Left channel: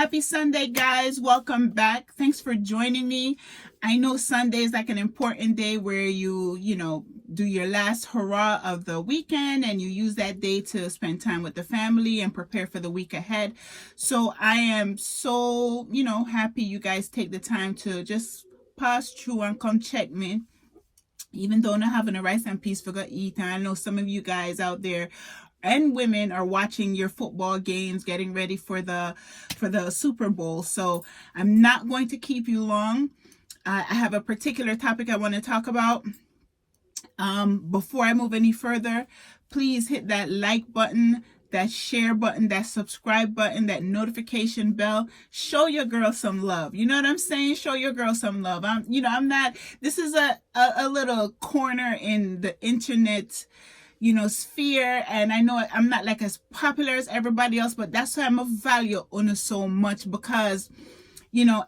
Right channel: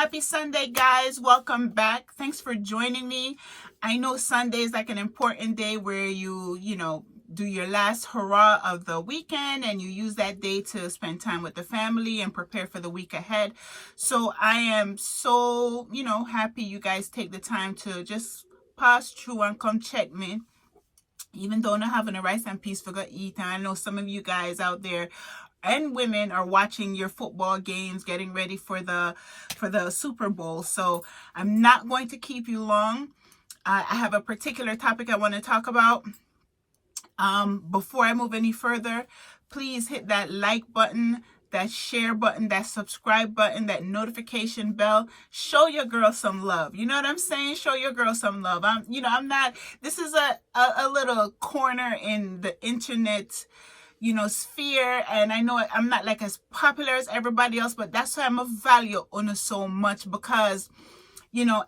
Happy Sunday, guys. Welcome back. Thanks for joining me. I know Sunday is like an important day where you do your last hurrah of the weekend and you use that day to spend time with the family and prepare for the week ahead. So I am so, happy you guys take the time to just pass through and come check me. Even though not having a rice and peas for go eat, and I know some of you guys out there and women are watching your football games, getting ready for the Super Bowl. So I'm not going to keep you long. I have a particular topic I want to talk about. Before I move any further, please hit that like button, that share button, that subscribe button, that notification bell. Show your girl some love. You know what I'm saying? Show your girl some love. This is a little corner in the internet sphere, and I know I'm not like as popular as everybody else, but that's why I'm a value on so much, because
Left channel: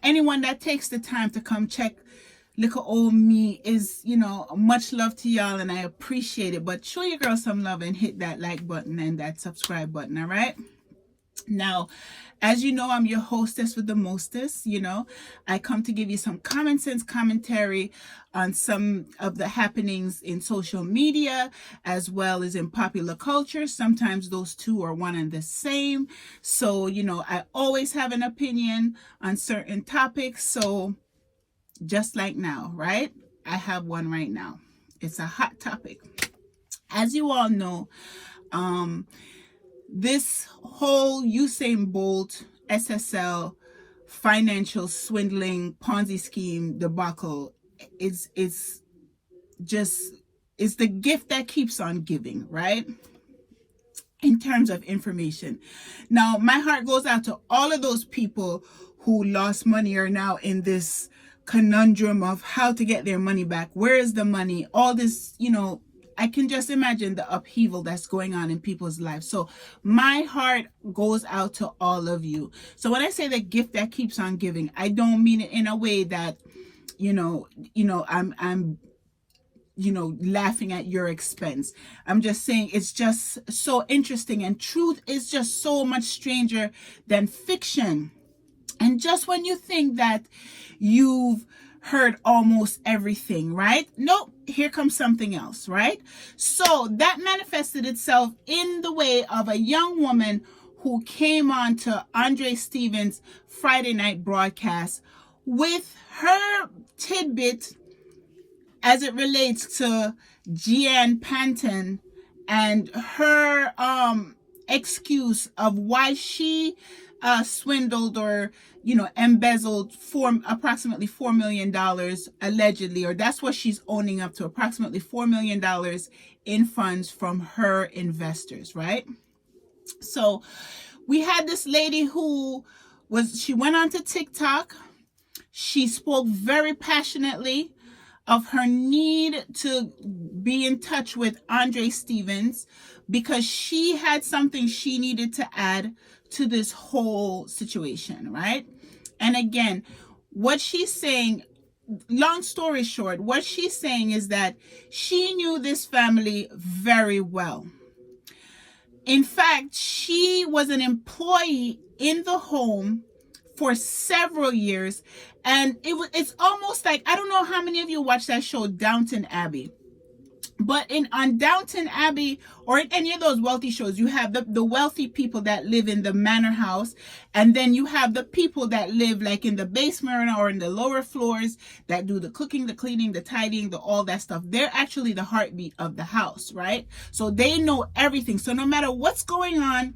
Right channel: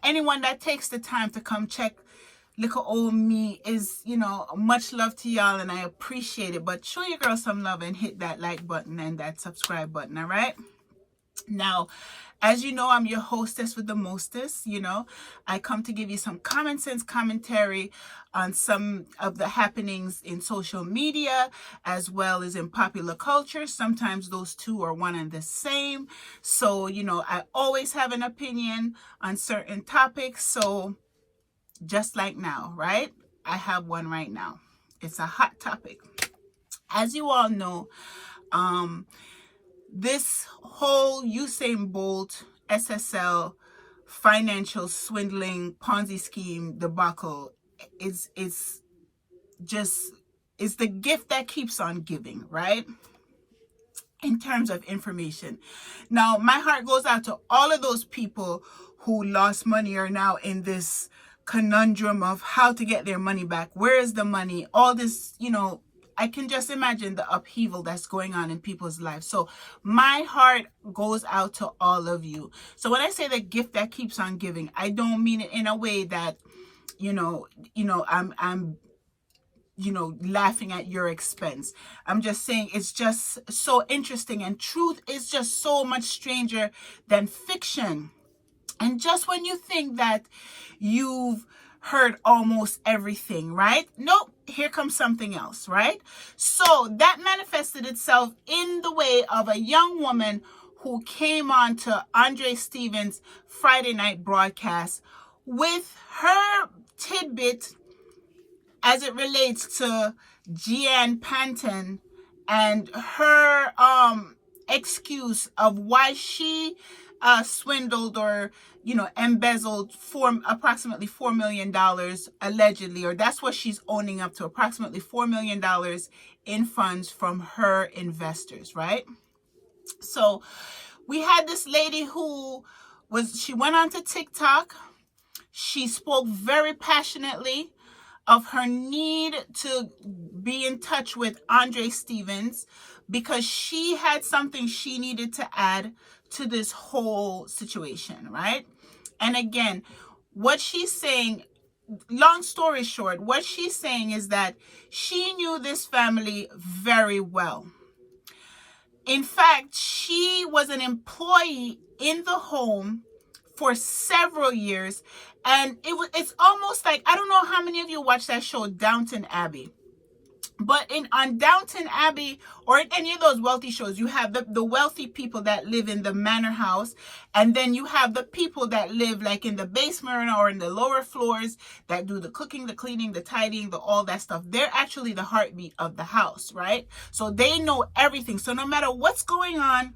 anyone that takes the time to come check little old me is much love to y'all, and I appreciate it. But show your girl some love and hit that like button and that subscribe button. All right, now, as you know, I'm your hostess with the mostest. I come to give you some common sense commentary on some of the happenings in social media as well as in popular culture. Sometimes those two are one and the same. So, I always have an opinion on certain topics. So just like now, right? I have one right now. It's a hot topic. As you all know, this whole Usain Bolt SSL financial swindling Ponzi scheme debacle is the gift that keeps on giving, right? In terms of information. Now, my heart goes out to all of those people who lost money, are now in this conundrum of how to get their money back. Where is the money? All this, I can just imagine the upheaval that's going on in people's lives. So my heart goes out to all of you. So when I say the gift that keeps on giving, I don't mean it in a way that, I'm laughing at your expense. I'm just saying it's just so interesting, and truth is just so much stranger than fiction. And just when you think that you've heard almost everything, right? Nope, here comes something else, right? So that manifested itself in the way of a young woman who came on to Andre Stephens' Friday night broadcast with her tidbit as it relates to Panton and her excuse of why she swindled or embezzled approximately $4 million allegedly, or that's what she's owning up to, approximately $4 million in funds from her investors, right? So we had this lady she went onto TikTok. She spoke very passionately of her need to be in touch with Andre Stephens because she had something she needed to add to this whole situation, right? And again, what she's saying, long story short, what she's saying is that she knew this family very well. In fact, she was an employee in the home for several years, and it's almost like, I don't know how many of you watch that show Downton Abbey. But on Downton Abbey or in any of those wealthy shows, you have the wealthy people that live in the manor house, and then you have the people that live like in the basement or in the lower floors that do the cooking, the cleaning, the tidying, all that stuff. They're actually the heartbeat of the house, right? So they know everything. So no matter what's going on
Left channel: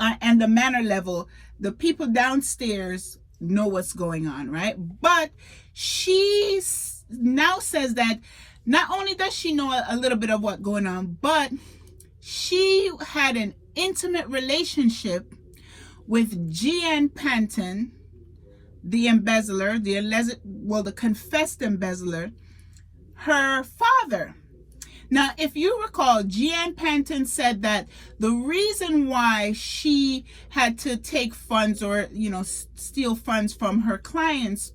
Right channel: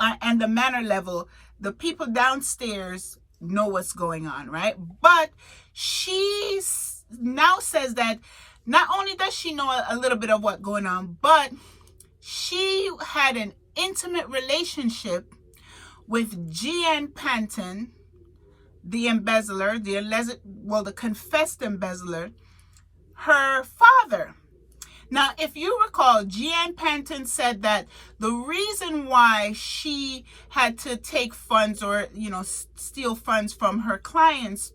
and the manor level, the people downstairs know what's going on, right? But she now says that not only does she know a little bit of what's going on, but she had an intimate relationship with Gian Panton, the embezzler, the confessed embezzler, her father. Now, if you recall, Gian Panton said that the reason why she had to take funds or, steal funds from her clients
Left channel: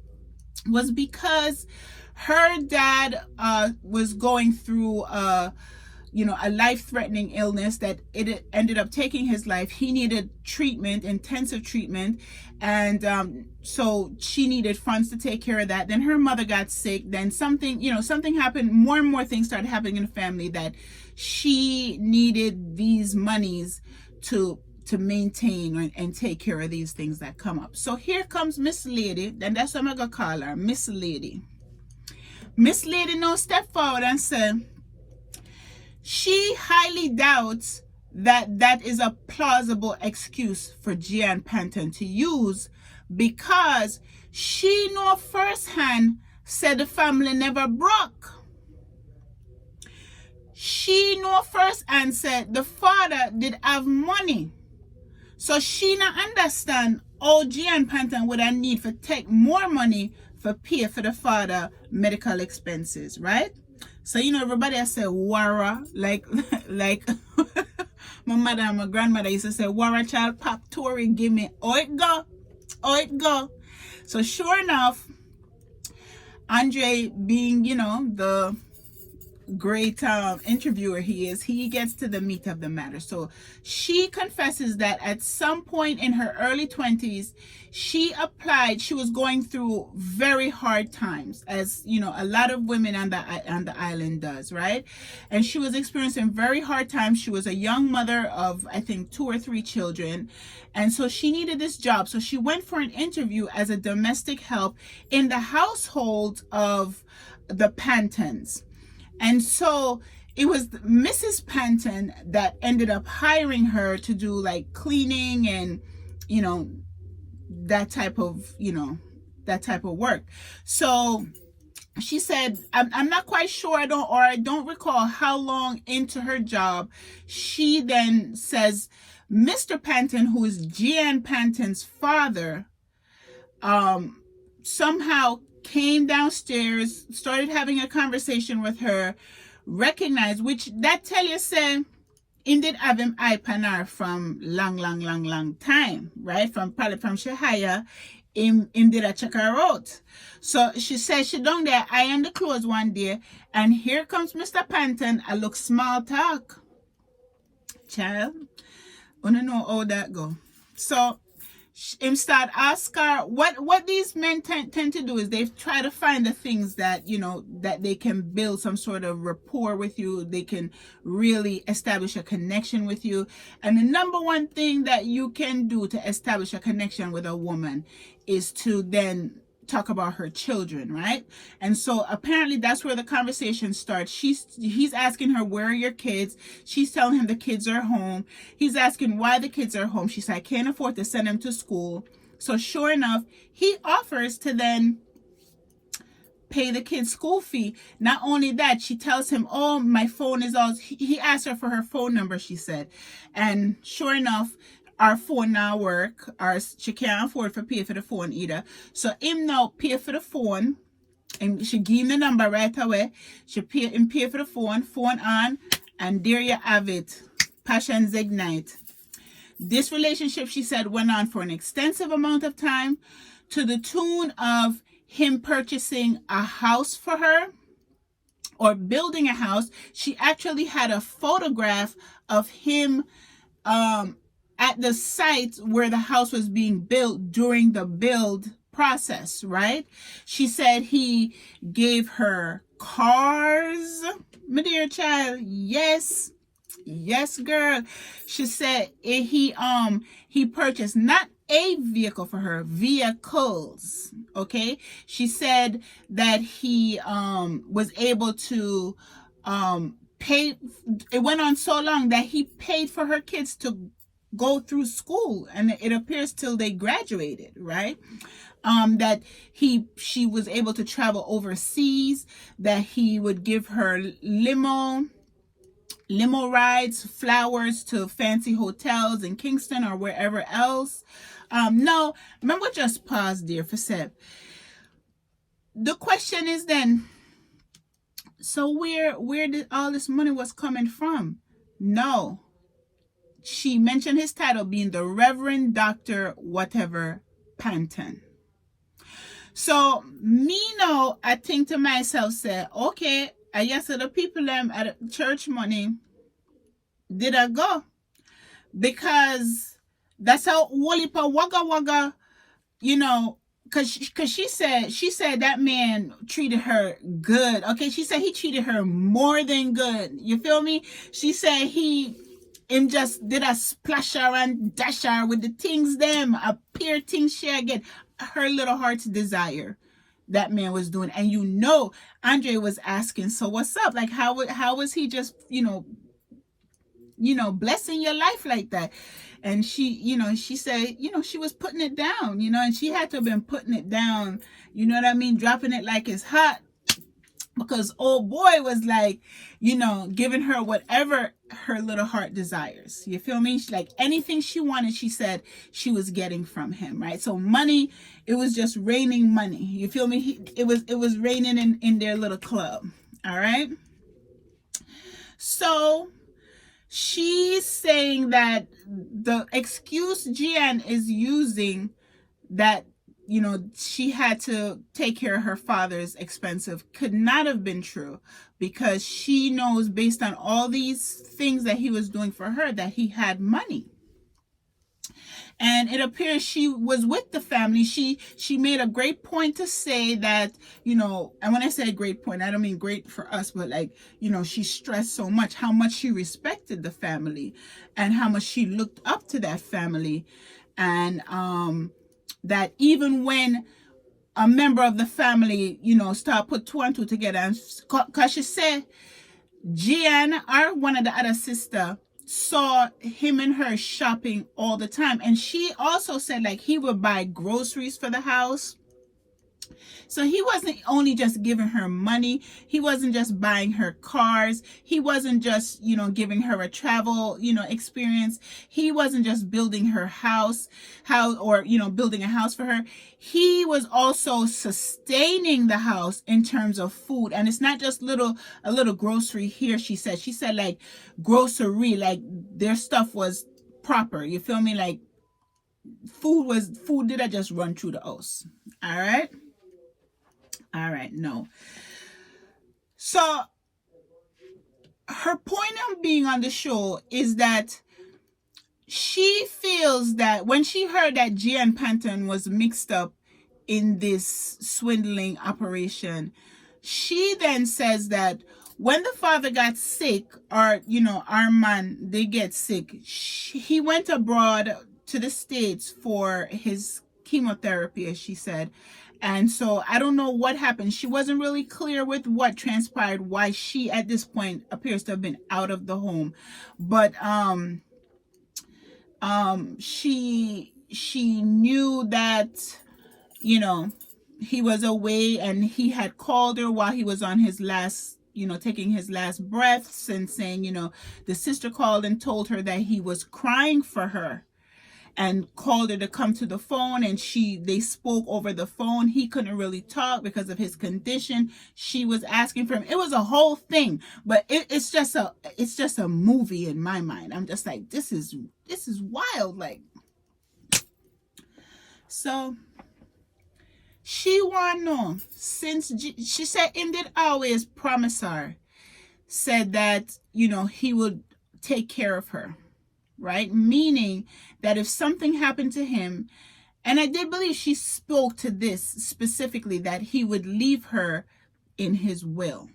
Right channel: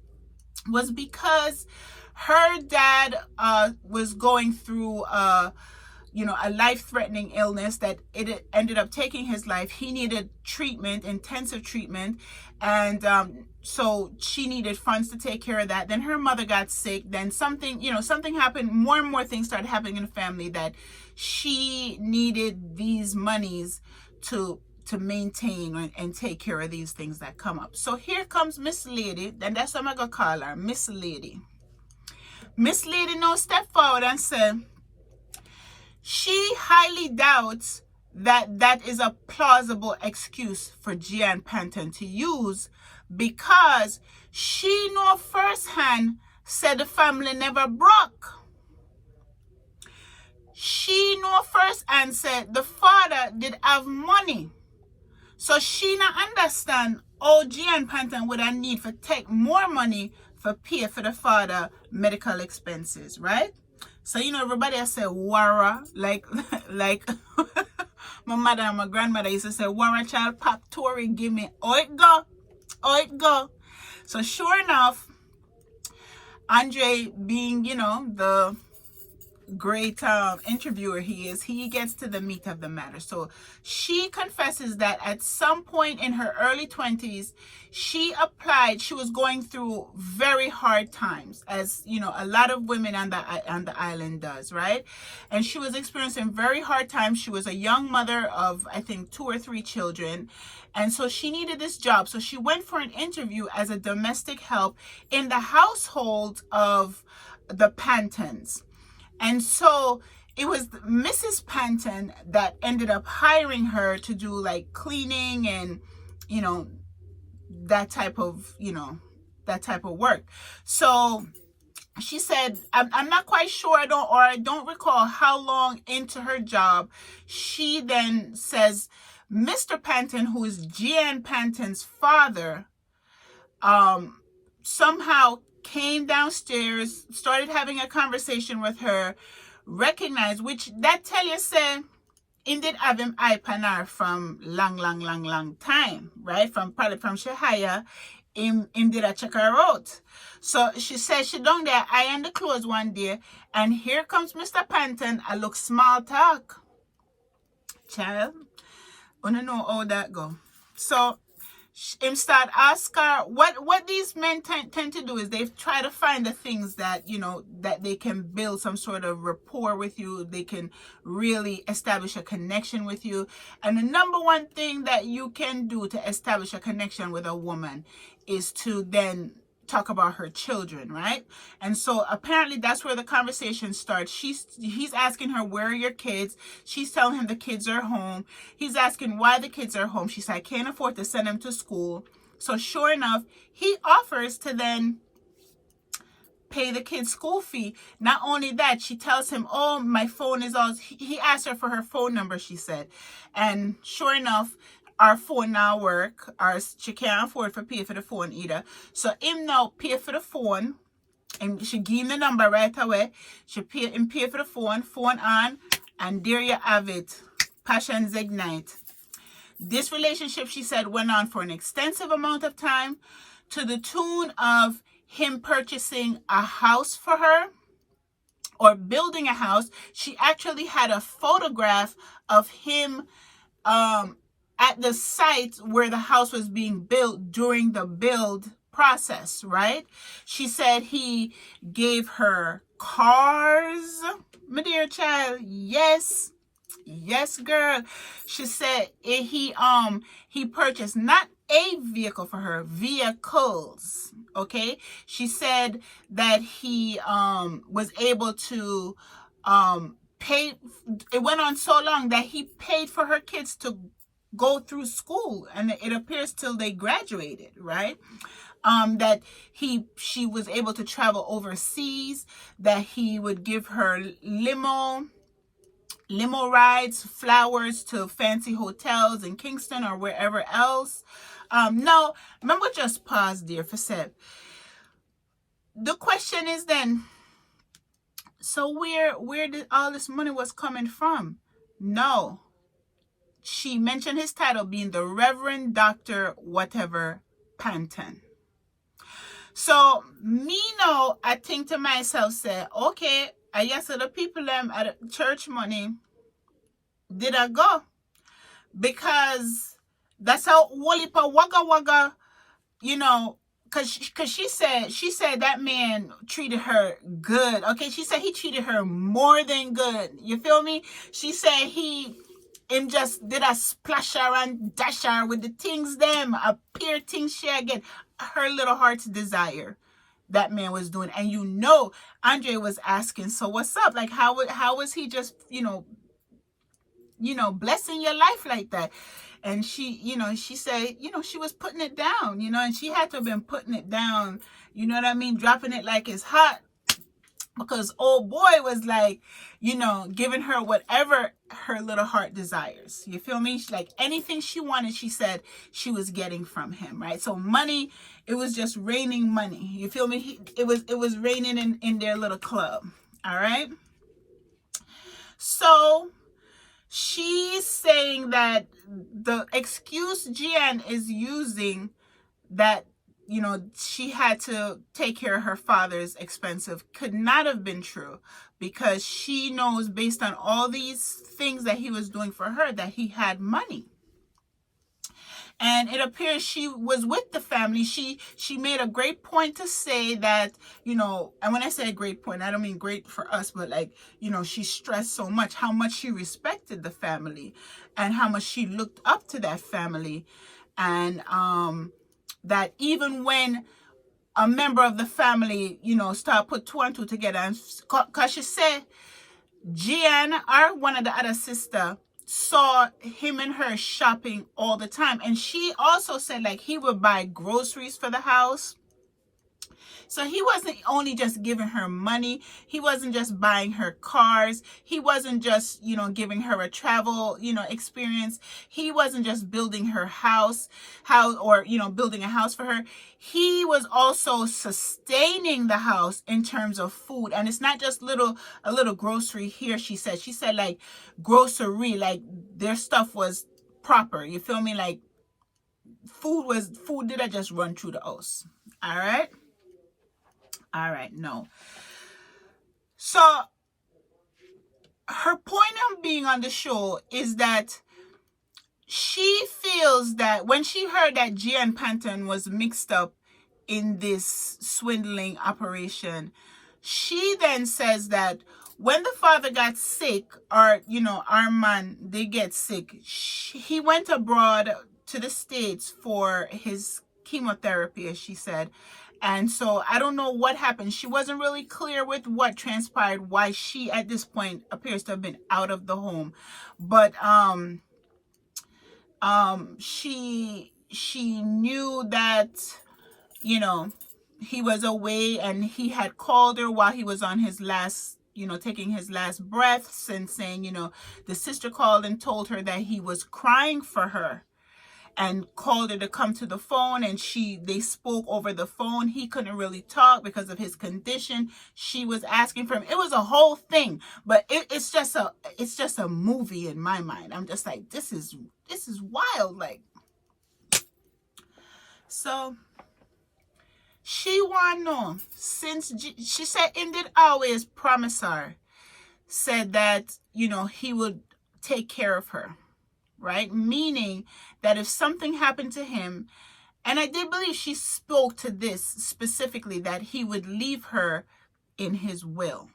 was because her dad was going through a life-threatening illness that it ended up taking his life. He needed treatment, intensive treatment, and so she needed funds to take care of that. Then her mother got sick. Then something happened. More and more things started happening in the family that she needed these monies to maintain and take care of these things that come up. So here comes Miss Lady, and that's what I'm gonna call her, Miss Lady. Miss Lady now step forward and said she highly doubts that is a plausible excuse for Gian Panton to use, because she know firsthand said the family never broke. She know firsthand said the father did have money. So she not understand how Gian Panton would have need for take more money for pay for the father medical expenses, right? So everybody has said Wara, like my mother and my grandmother used to say, Wara child pop Tory, give me oh it go. So sure enough, Andre, being the great interviewer he gets to the meat of the matter. So she confesses that at some point in her early 20s, she was going through very hard times, as a lot of women on the island does, right? And she was experiencing very hard times. She was a young mother of, I think, 2 or 3 children, and so she needed this job. So she went for an interview as a domestic help in the household of the Pantons. And so it was Mrs. Panton that ended up hiring her to do like cleaning and, that type of work. So she said, I'm not quite sure, I don't recall how long into her job, she then says, Mr. Panton, who is Gian Panton's father, somehow came downstairs, started having a conversation with her, recognized, which that tell you say he did have him eye panar from long time, right? Probably from Shahaya, him did a check her out. So she said she down there iron the clothes one day, and here comes Mr. Panton. I look small talk. Child, I don't know how that go. So him start ask her what these men tend to do is they try to find the things that that they can build some sort of rapport with you. They can really establish a connection with you. And the number one thing that you can do to establish a connection with a woman is to then talk about her children, right? And so apparently that's where the conversation starts. He's asking her, where are your kids? She's telling him the kids are home. He's asking why the kids are home. She said, I can't afford to send them to school. So sure enough, he offers to then pay the kid's school fee. Not only that, she tells him, oh, my phone is all, he asked her for her phone number, she said. And sure enough, our phone now work, she can't afford to pay for the phone either. So him now pay for the phone, and she give him the number right away. She pay for the phone on, and there you have it. Passions ignite. This relationship, she said, went on for an extensive amount of time, to the tune of him purchasing a house for her, or building a house. She actually had a photograph of him at the site where the house was being built during the build process, right? She said he gave her cars, my dear child. Yes, girl. She said he purchased not a vehicle for her, vehicles. Okay. She said that he was able to pay. It went on so long that he paid for her kids to go through school, and it appears till they graduated, right? That she was able to travel overseas, that he would give her limo rides, flowers to fancy hotels in Kingston or wherever else. No, remember, just pause there for a sec. The question is then, so where did all this money was coming from? No. She mentioned his title being the Reverend Dr. whatever Panton. So me now, I think to myself, say, okay, And yes, so the people them at church money did I go, because that's how Wolipa Wagga Wagga, you know, cause she said that man treated her good. Okay, she said he treated her more than good. You feel me? She said him just did a splash her and dash her with the things them, a pair things she again, her little heart's desire. That man was doing, and you know, Andre was asking, so what's up? Like, how was he just, blessing your life like that? And she said, she was putting it down, and she had to have been putting it down, you know what I mean? Dropping it like it's hot, because old boy was like, giving her whatever her little heart desires. You feel me? Like anything she wanted, she said she was getting from him, right? So money, it was just raining money. You feel me? It was raining in their little club. All right. So she's saying that the excuse Gian is using, that she had to take care of her father's expensive, could not have been true, because she knows, based on all these things that he was doing for her, that he had money. And it appears she was with the family. She made a great point to say that, and when I say a great point, I don't mean great for us, but like, she stressed so much how much she respected the family and how much she looked up to that family. And that even when a member of the family, start put two and two together, and because she said Gian, or one of the other sister, saw him and her shopping all the time. And she also said, like, he would buy groceries for the house. So he wasn't only just giving her money. He wasn't just buying her cars. He wasn't just, giving her a travel, experience. He wasn't just building her house, or, building a house for her. He was also sustaining the house in terms of food. And it's not just a little grocery here, she said. She said, like, grocery, like their stuff was proper. You feel me? Like food didn't just run through the house. All right. No. So her point of being on the show is that she feels that when she heard that Gian Panton was mixed up in this swindling operation, she then says that when the father got sick, or, our man, they get sick, he went abroad to the States for his chemotherapy, as she said. And so I don't know what happened. She wasn't really clear with what transpired, why she at this point appears to have been out of the home. But she knew that, he was away, and he had called her while he was on his last, taking his last breaths, and saying, the sister called and told her that he was crying for her, and called her to come to the phone, and they spoke over the phone. He couldn't really talk because of his condition. She was asking for him. It was a whole thing, but it's just a movie in my mind. I'm just like, this is wild. Like, so she want to know, since she said him did always promise her, said that, he would take care of her, right? Meaning that if something happened to him, and I did believe she spoke to this specifically, that he would leave her in his will,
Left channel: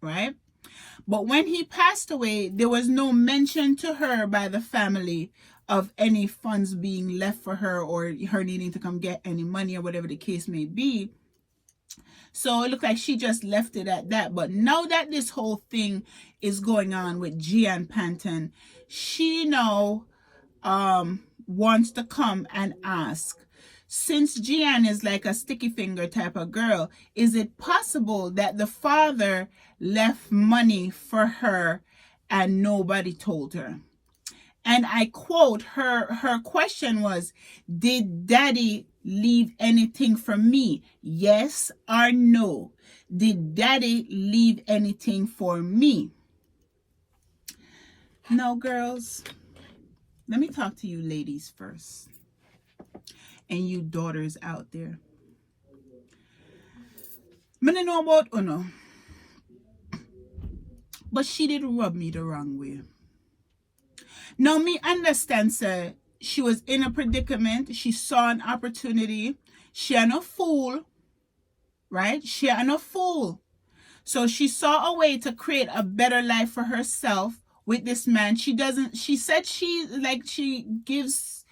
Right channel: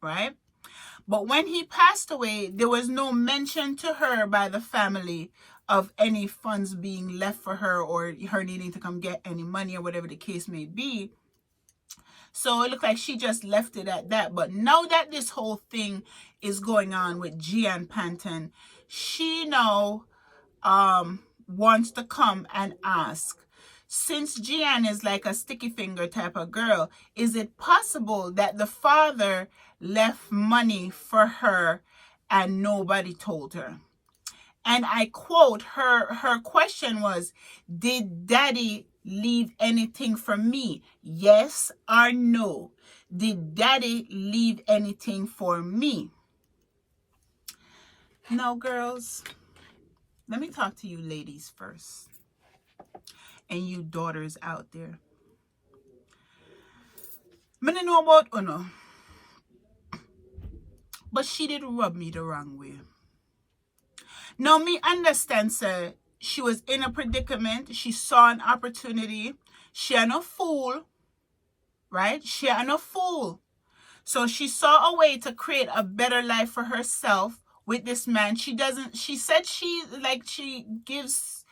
right? But when he passed away, there was no mention to her by the family of any funds being left for her, or her needing to come get any money, or whatever the case may be. So it looked like she just left it at that. But now that this whole thing is going on with Gian Panton, she now wants to come and ask, since Gian is like a sticky finger type of girl, is it possible that the father left money for her and nobody told her? And I quote, her question was, did daddy leave anything for me? Yes or no? Did daddy leave anything for me? Now, girls, let me talk to you ladies first, and you daughters out there. I don't know about Uno, But she did rub me the wrong way. Now, me understand, sir, she was in a predicament. She saw an opportunity. She ain't no fool, right? She ain't no fool. So she saw a way to create a better life for herself with this man. She said she gives,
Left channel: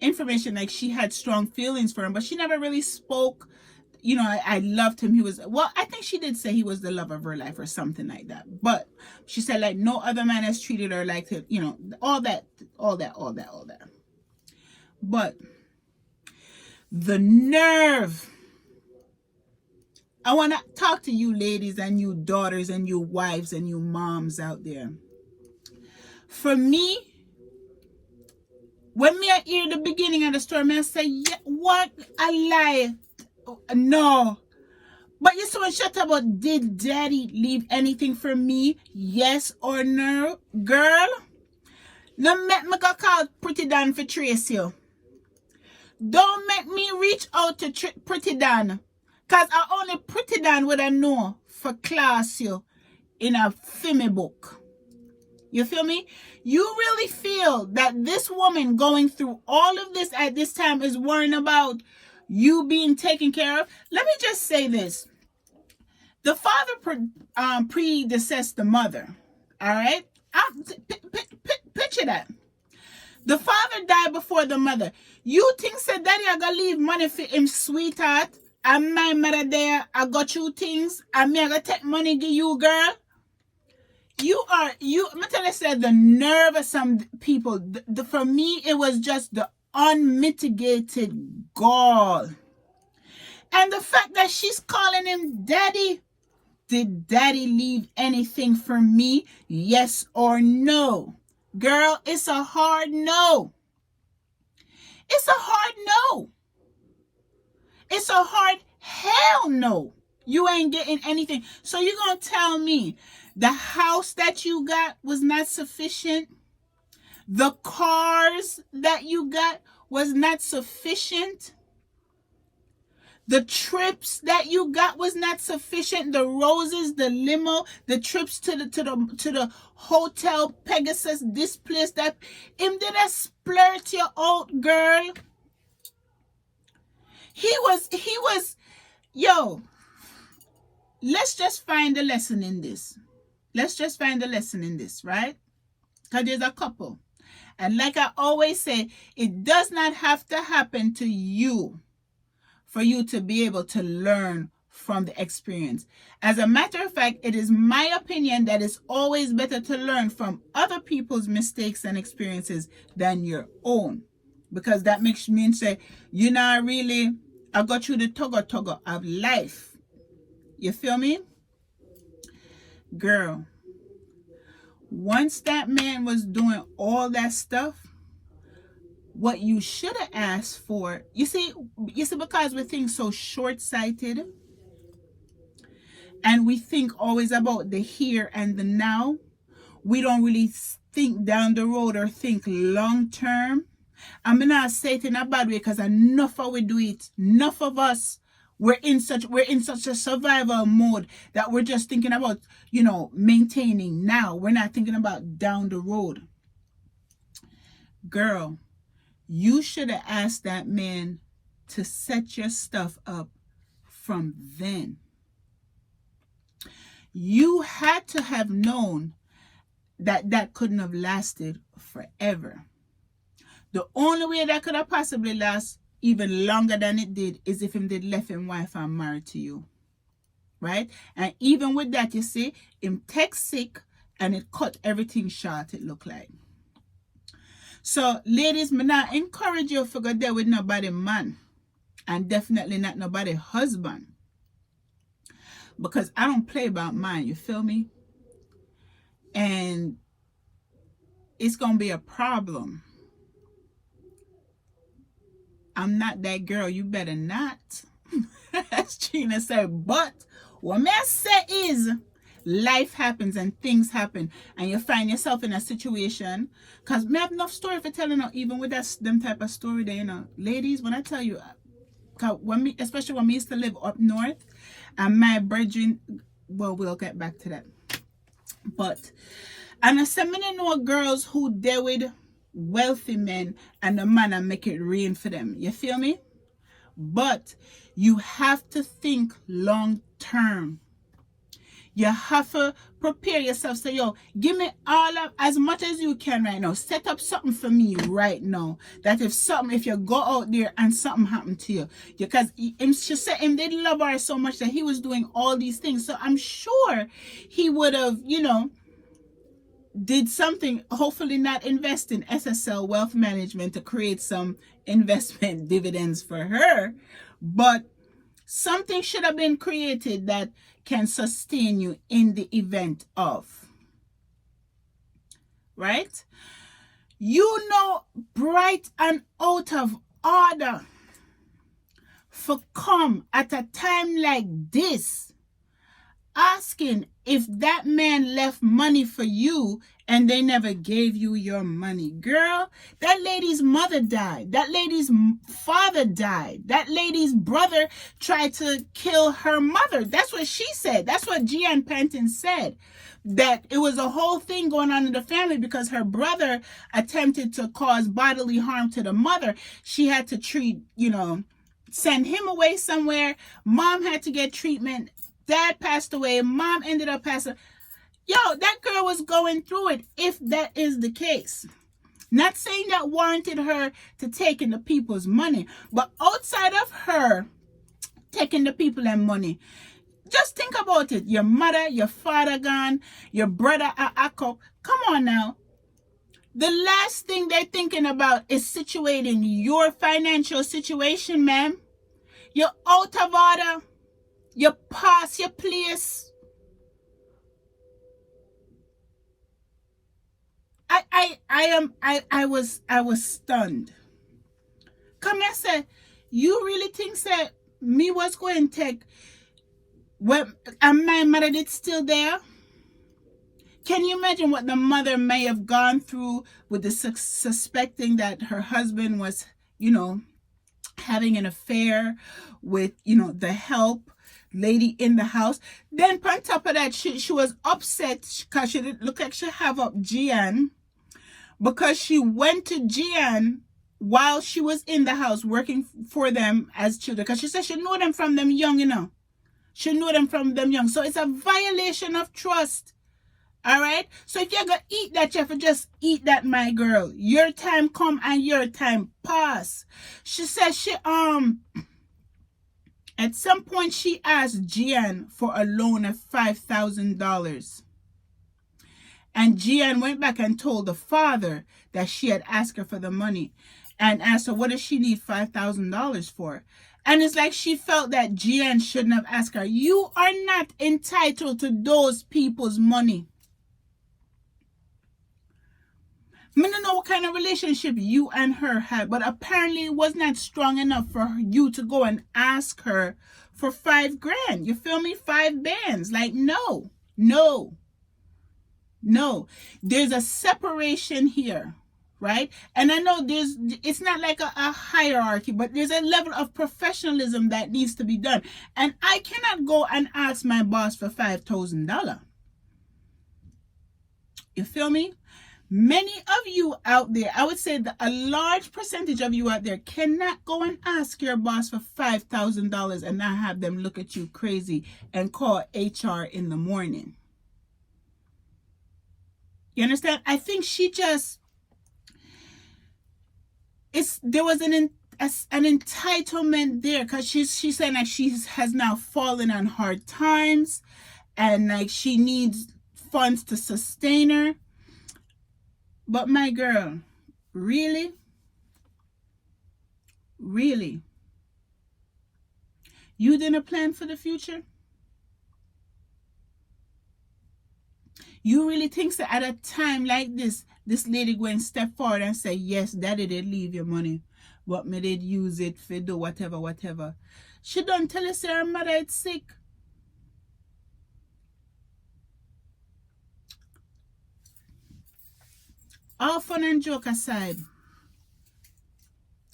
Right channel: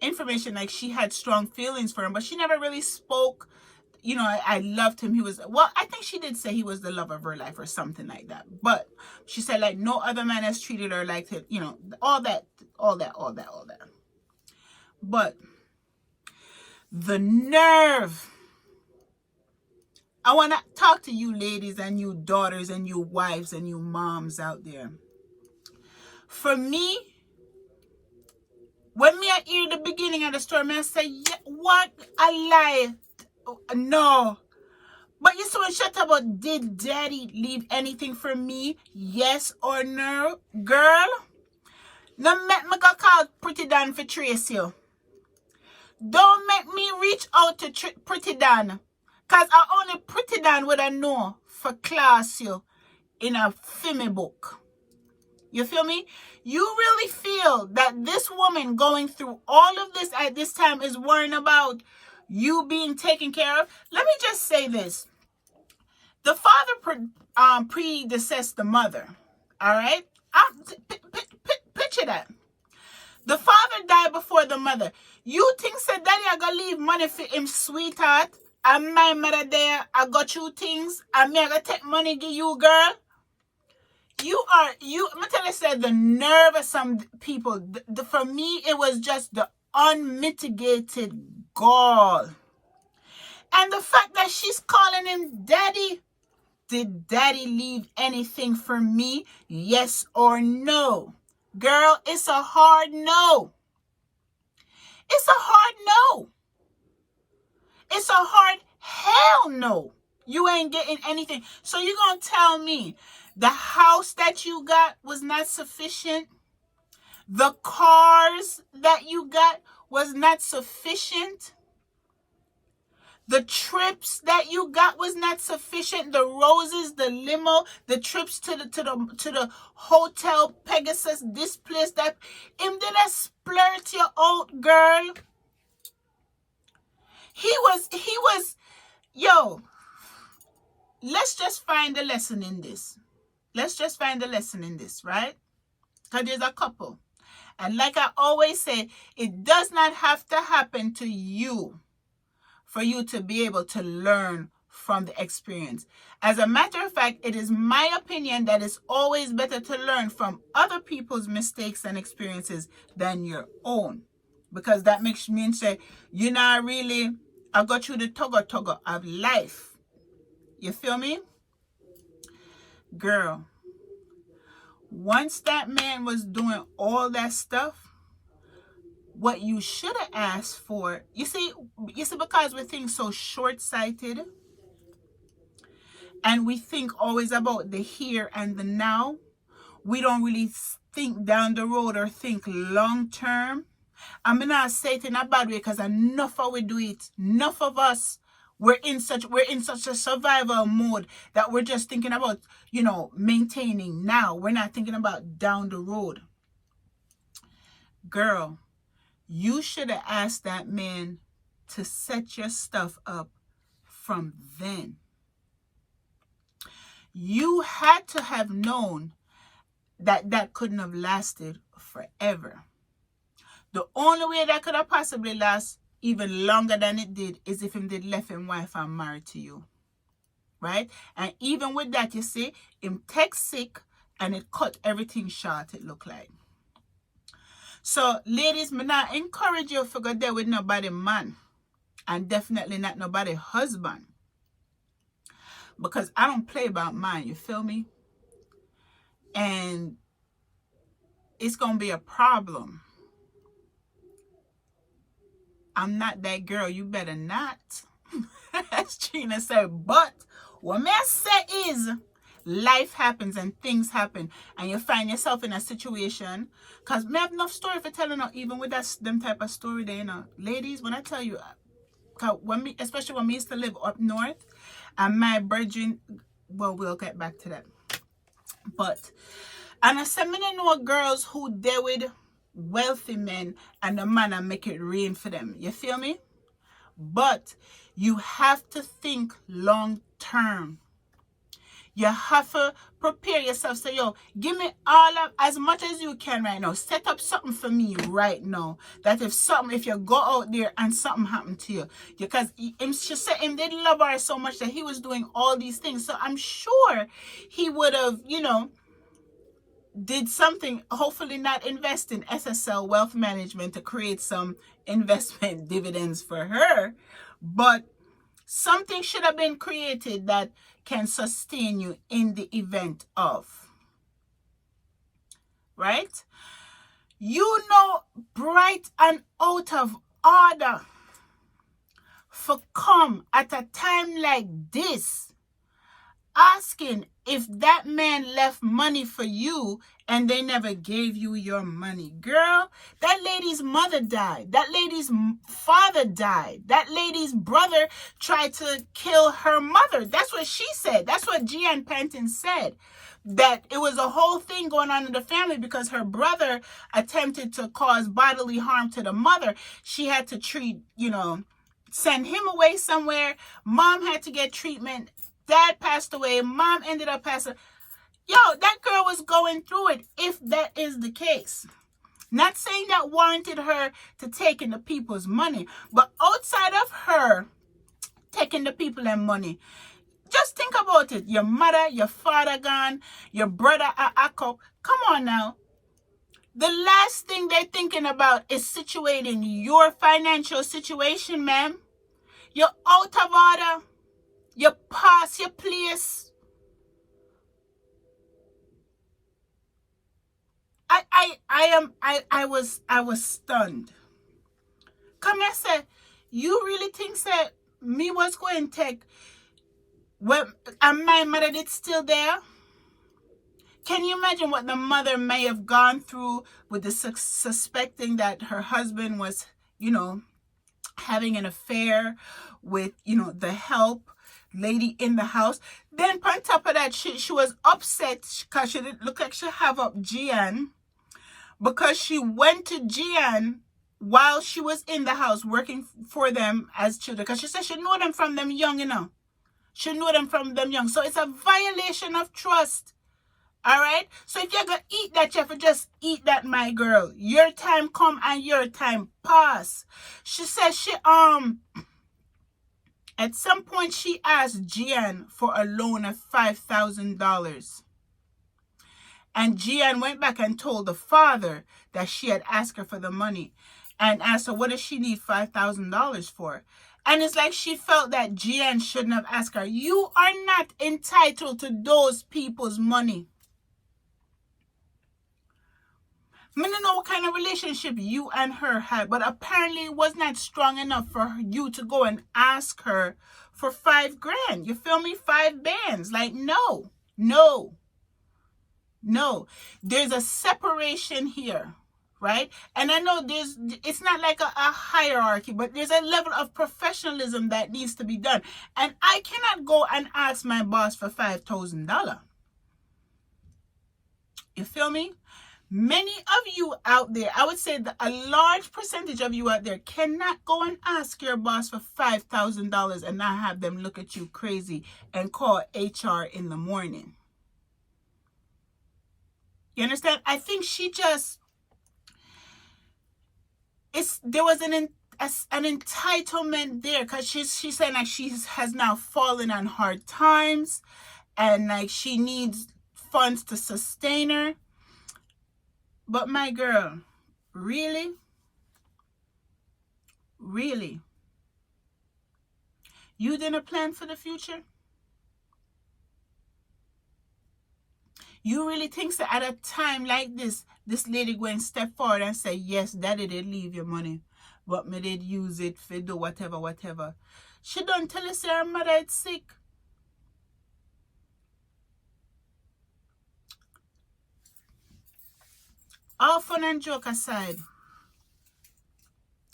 information like she had strong feelings for him, but she never really spoke. I loved him. I think she did say he was the love of her life or something like that. But she said like no other man has treated her like that, all that. But the nerve. I want to talk to you ladies and you daughters and you wives and you moms out there. For me, when me I hear the beginning of the story, I say, yeah, what a lie. No. But you saw shut about, did daddy leave anything for me? Yes or no? Girl, now make me go call Pretty Dan for trace you. Don't make me reach out to Pretty Dan. Because I only Pretty Dan would I know for class you in a filmy book. You feel me? You really feel that this woman going through all of this at this time is worrying about you being taken care of? Let me just say this. The father predeceased the mother. All right? Picture that. The father died before the mother. You think said daddy I gonna leave money for him, sweetheart? And my mother there, I got you things, and me I gotta take money give you, girl. I'm tell you, said the nerve of some people. For me, it was just the unmitigated gall. And the fact that she's calling him daddy. Did daddy leave anything for me? Yes or no? Girl, it's a hard no. It's a hard no. It's a hard hell no. You ain't getting anything. So you're going to tell me the house that you got was not sufficient? The cars that you got was not sufficient? The trips that you got was not sufficient? The roses, the limo, the trips to the hotel, Pegasus, this place, that him didn't splurt you out, girl. He was, yo, let's just find the lesson in this. Let's just find the lesson in this, right? Because there's a couple. And like I always say, it does not have to happen to you for you to be able to learn from the experience. As a matter of fact, it is my opinion that it's always better to learn from other people's mistakes and experiences than your own. Because that makes me say, you know, really, I got you the tugger of life. You feel me? Girl, once that man was doing all that stuff, what you should have asked for, you see, because we think so short-sighted, and we think always about the here and the now, we don't really think down the road or think long-term. I'm not saying it in a bad way, because enough of we do it. Enough of us, we're in such a survival mode that we're just thinking about, you know, maintaining now. We're not thinking about down the road. Girl, you should have asked that man to set your stuff up from then. You had to have known that that couldn't have lasted forever. The only way that could have possibly last even longer than it did is if him did left him wife and married to you. Right? And even with that, you see, him text sick and it cut everything short, it looked like. So, ladies, me not encourage you to go there with nobody man. And definitely not nobody husband. Because I don't play about mine, you feel me? And it's going to be a problem. I'm not that girl, you better not. As Trina said, but what I say is, life happens and things happen, and you find yourself in a situation, because I have enough story for telling her, even with that them type of story there, you know. Ladies, when I tell you, especially when we used to live up north, and my virgin, well, we'll get back to that. But, and I say, me no know girls who deal with wealthy men and the man and make it rain for them. You feel me? But you have to think long term. You have to prepare yourself. Say, yo, give me all of as much as you can right now. Set up something for me right now. That if you go out there and something happened to you, because she said him did love her so much that he was doing all these things. So I'm sure he would have, did something. Hopefully not invest in SSL Wealth Management to create some investment dividends for her, but something should have been created that can sustain you in the event of, right? Bright and out of order for come at a time like this, asking if that man left money for you and they never gave you your money. Girl, that lady's mother died. That lady's father died. That lady's brother tried to kill her mother. That's what she said. That's what Gian Panton said. That it was a whole thing going on in the family because her brother attempted to cause bodily harm to the mother. She had to send him away somewhere. Mom had to get treatment. Dad passed away. Mom ended up passing. Yo, that girl was going through it, if that is the case. Not saying that warranted her to take in the people's money, but outside of her taking the people and money, just think about it. Your mother, your father gone, your brother Akko. Come on now. The last thing they're thinking about is situating your financial situation, ma'am. You're out of order. You pass your place. I was stunned. Come and say, you really think that me was going to take and my mother did still there? Can you imagine what the mother may have gone through with the suspecting that her husband was, having an affair with, the help lady in the house? Then on top of that, she was upset because she didn't look like she have up Gian, because she went to Gian while she was in the house working for them as children, because she said she knew them from them young, She knew them from them young. So it's a violation of trust. All right? So if you're going to eat that, you have to just eat that, my girl. Your time come and your time pass. She said at some point she asked Gian for a loan of $5,000. And Gian went back and told the father that she had asked her for the money and asked her, what does she need $5,000 for? And it's like she felt that Gian shouldn't have asked her. You are not entitled to those people's money. I don't know what kind of relationship you and her had, but apparently it was not strong enough for you to go and ask her for $5,000. You feel me? 5 bands. Like, no. There's a separation here, right? And I know it's not like a hierarchy, but there's a level of professionalism that needs to be done. And I cannot go and ask my boss for $5,000. You feel me? Many of you out there, I would say that a large percentage of you out there cannot go and ask your boss for $5,000 and not have them look at you crazy and call HR in the morning. You understand? I think she just, there was an entitlement there, because she's saying like she has now fallen on hard times and like she needs funds to sustain her. But my girl, really? Really? You didn't plan for the future? You really think that at a time like this lady going to step forward and say, yes, daddy did leave your money, but me did use it for do whatever. She don't tell us her mother is sick. All fun and joke aside,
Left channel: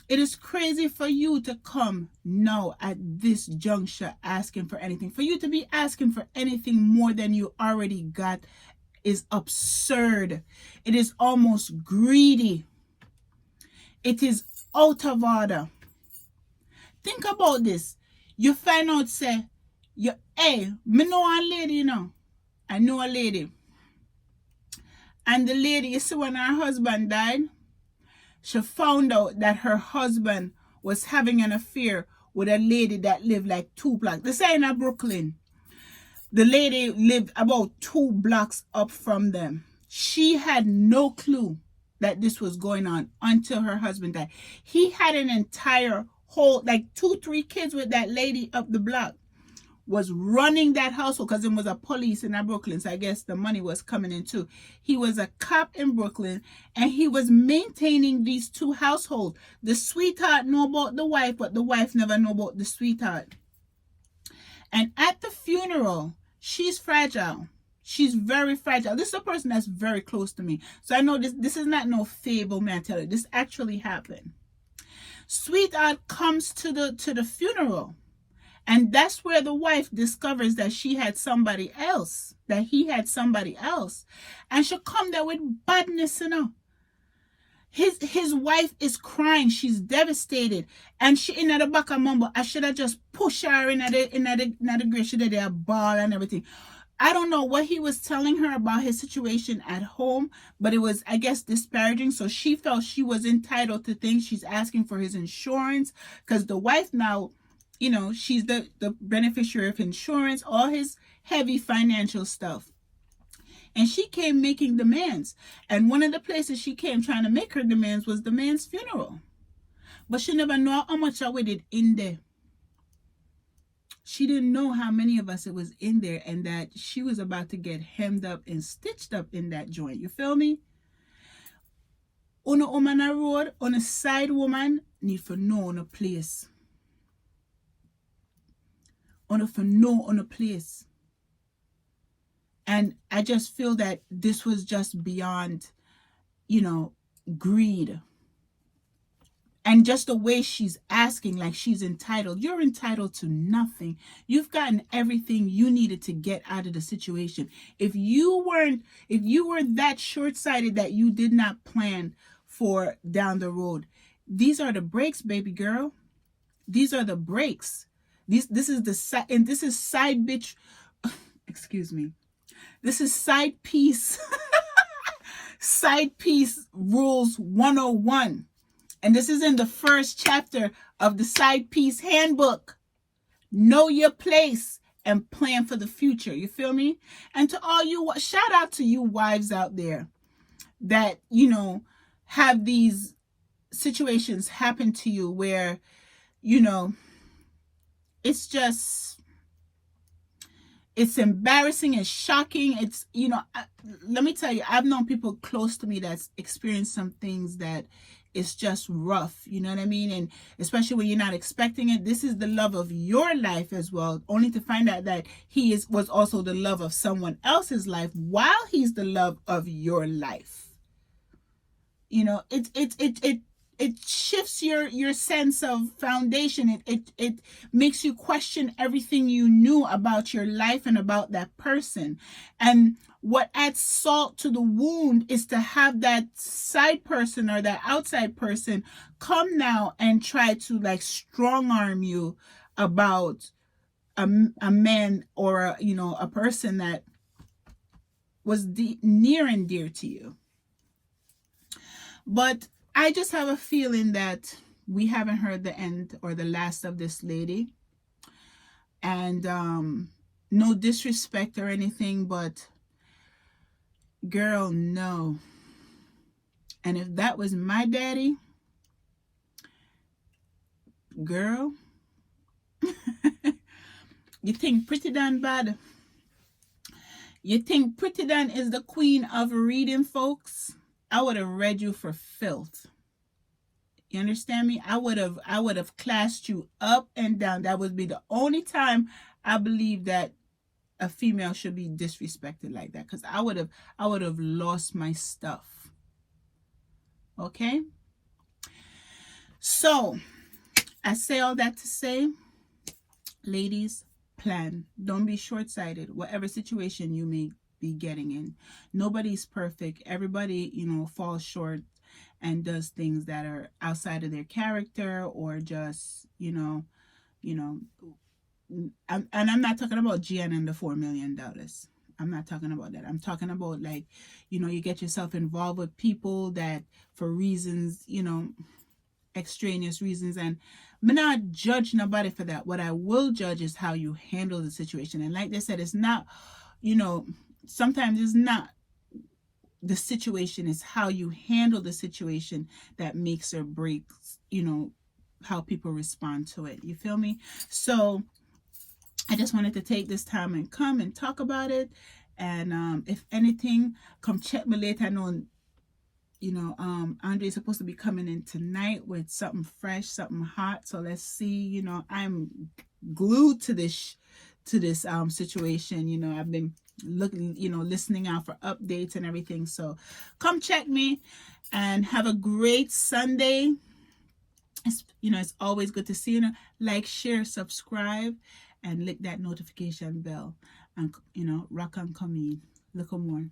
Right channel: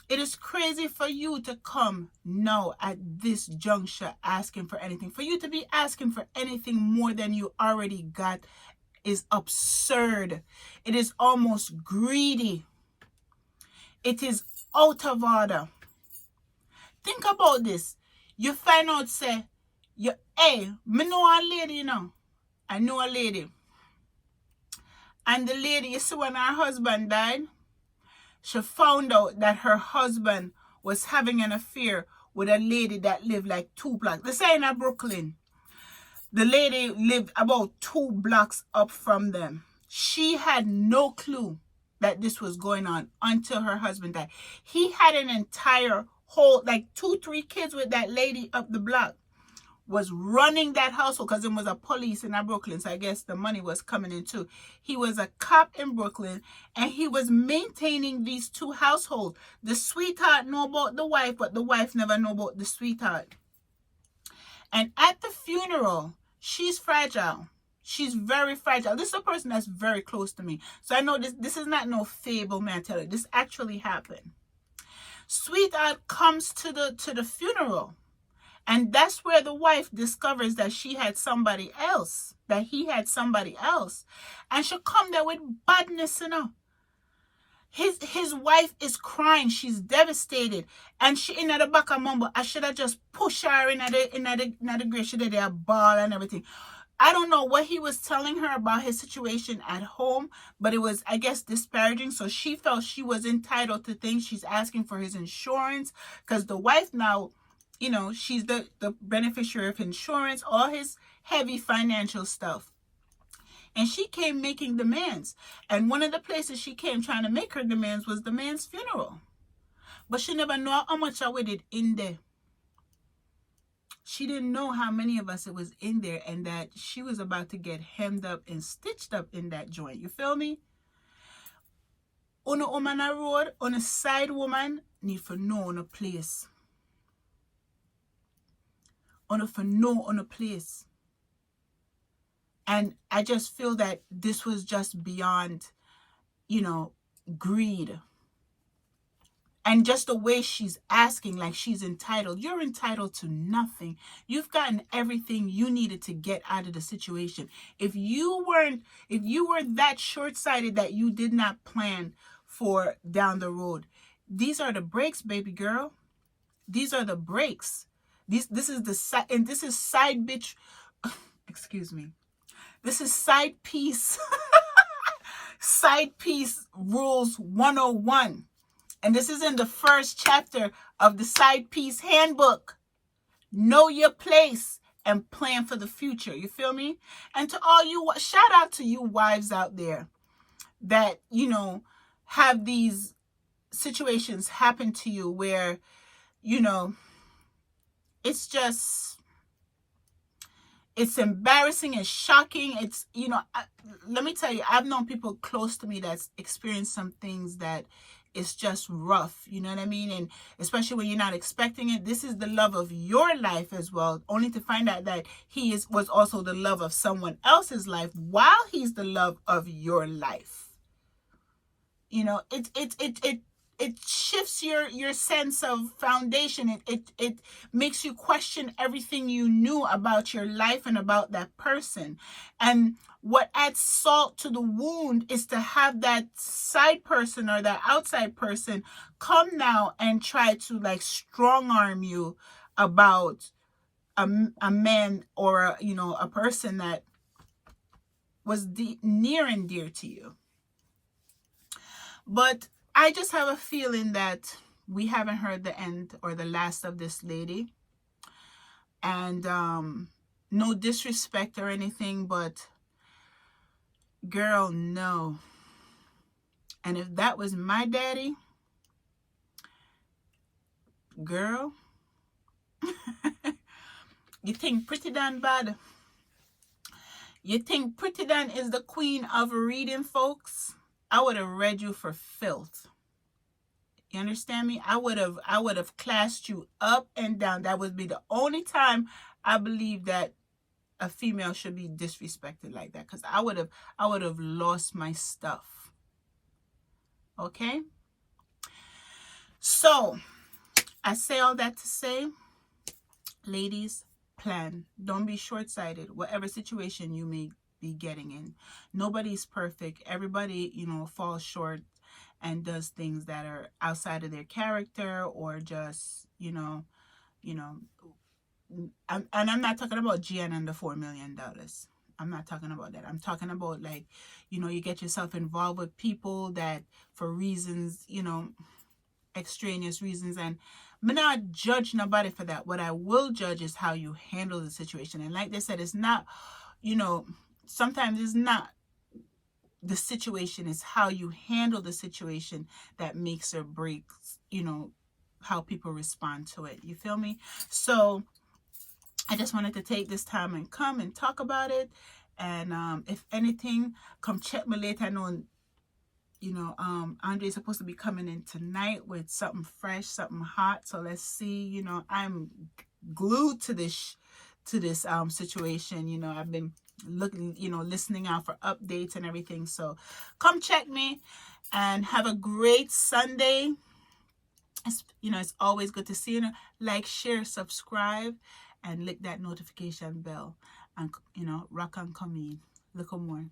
it is crazy for you to come now at this juncture asking for anything. For you to be asking for anything more than you already got is absurd. It is almost greedy. It is out of order. Think about this. You find out, say, hey, me know a lady, you know. I know a lady. And the lady, you see, when her husband died, she found out that her husband was having an affair with a lady that lived like 2 blocks. They say in Brooklyn. The lady lived about 2 blocks up from them. She had no clue that this was going on until her husband died. He had an entire whole, like 2-3 kids with that lady up the block. Was running that household because there was a police in Brooklyn, so I guess the money was coming in too. He was a cop in Brooklyn, and he was maintaining these 2 households. The sweetheart knew about the wife, but the wife never knew about the sweetheart. And at the funeral, she's fragile. She's very fragile. This is a person that's very close to me, so I know this is not no fable, man. I tell you, this actually happened. Sweetheart comes to the funeral. And that's where the wife discovers that she had somebody else, that he had somebody else. And she'll come there with badness, you know. His wife is crying. She's devastated. And she in the back of mumble, I should have just pushed her in the grave. She did a ball and everything. I don't know what he was telling her about his situation at home, but it was, I guess, disparaging. So she felt she was entitled to things. She's asking for his insurance because the wife now, you know, she's the beneficiary of insurance, all his heavy financial stuff. And she came making demands. And one of the places she came trying to make her demands was the man's funeral. But she never knew how much I did in there. She didn't know how many of us it was in there and that she was about to get hemmed up and stitched up in that joint. You feel me? On a woman on road, on a side woman, need to know on a place. For no on a place. And I just feel that this was just beyond, you know, greed. And just the way she's asking, like she's entitled. You're entitled to nothing. You've gotten everything you needed to get out of the situation. If you were that short-sighted that you did not plan for down the road, these are the breaks, baby girl. These are the breaks. This is the side, and this is side bitch. Excuse me. This is side piece. Side piece rules 101. And this is in the first chapter of the side piece handbook. Know your place and plan for the future. You feel me? And to all you, shout out to you wives out there that, you know, have these situations happen to you where, you know, it's just, it's embarrassing, it's shocking. It's, you know, let me tell you, I've known people close to me that's experienced some things that it's just rough. You know what I mean? And especially when you're not expecting it. This is the love of your life as well, only to find out that he was also the love of someone else's life while he's the love of your life. You know, it shifts your sense of foundation. It makes you question everything you knew about your life and about that person. And what adds salt to the wound is to have that side person or that outside person come now and try to like strong arm you about a man or you know, a person that was near and dear to you. But I just have a feeling that we haven't heard the end or the last of this lady. And no disrespect or anything, but girl, no. And if that was my daddy, girl, you think Pretty Dan bad? You think Pretty Dan is the queen of reading, folks? I would have read you for filth. You understand me? I would have classed you up and down. That would be the only time I believe that a female should be disrespected like that, because I would have lost my stuff. Okay? So, I say all that to say, ladies, plan. Don't be short-sighted, whatever situation you may be getting in. Nobody's perfect. Everybody, you know, falls short and does things that are outside of their character, or just, and I'm not talking about Gian and the $4 million. I'm not talking about that. I'm talking about, like, you get yourself involved with people that, for reasons, extraneous reasons, and I'm not judge nobody for that. What I will judge is how you handle the situation. And like they said, it's not, sometimes it's not the situation, is how you handle the situation that makes or breaks, how people respond to it. You feel me? So I just wanted to take this time and come and talk about it. And if anything, come check me later. I know, Andre is supposed to be coming in tonight with something fresh, something hot. So let's see. I'm glued to this situation. I've been looking, listening out for updates and everything. So come check me and have a great Sunday. It's always good to see you. Like, share, subscribe, and click that notification bell. And rock and come in. Look more.